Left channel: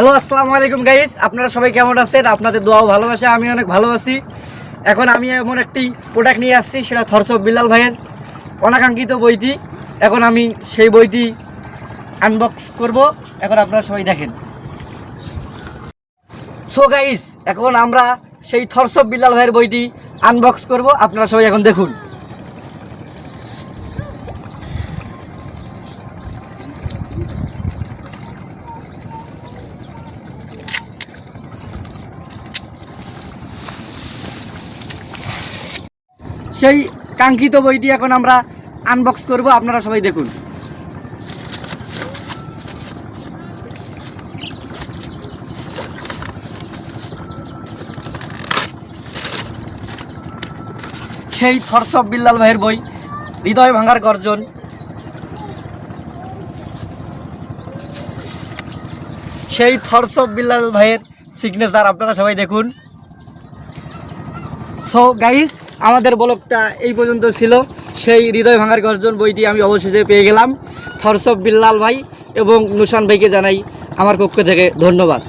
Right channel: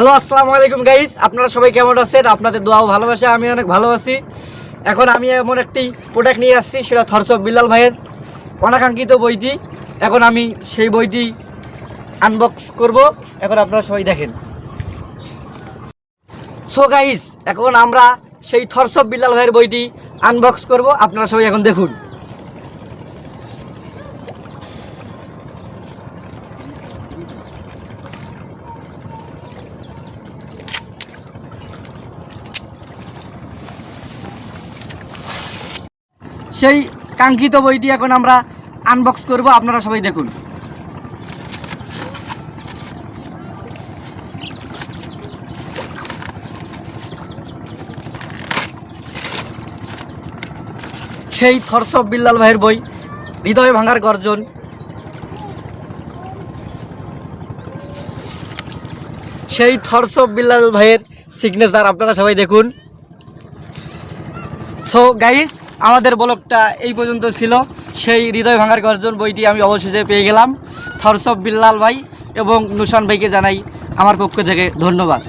Hello আসসালামু আলাইকুম guys, আপনারা সবাই কেমন আছেন? আপনাদের দোয়া ও ভালোবাসা আমি অনেক ভালো আছি। এখন আমি এমন একটি প্রোডাক্ট নিয়ে আসছি, সেটা থরস অফ বিল্লাল ভাইয়ের অনাকাঙ্ক্ষিত বইটি। এখন আমি সেই বইটি আনবক্স করব। এখন আপনারা সবাই দেখেন। সো গাইস, এখন আমরা সেই থরস অফ বিল্লাল ভাইয়ের বইটি আনবক্স করব। আপনারা সবাই এখন দেখুন। সেই কাঙ্ক্ষিত বইটি এখন আমরা আনবক্স করব। আপনারা সবাই দেখুন। সেই থরস অফ বিল্লাল ভাইয়ের বই, হৃদয় ভাঙার গর্জন। সেই থরস অফ বিল্লাল ভাইয়ের সিগনেচার আপনারা সবাই দেখুন। সো গাইস, আমাদের ব্লগটা এই পর্যন্ত ছিল। সেই হৃদয় ভাঙার গর্জন বইটি আমি অবশেষে পেয়ে গেলাম। থরস অফ বিল্লাল ভাই এবং নুশান ভাইকে জানাই আমার পক্ষ থেকে ধন্যবাদ।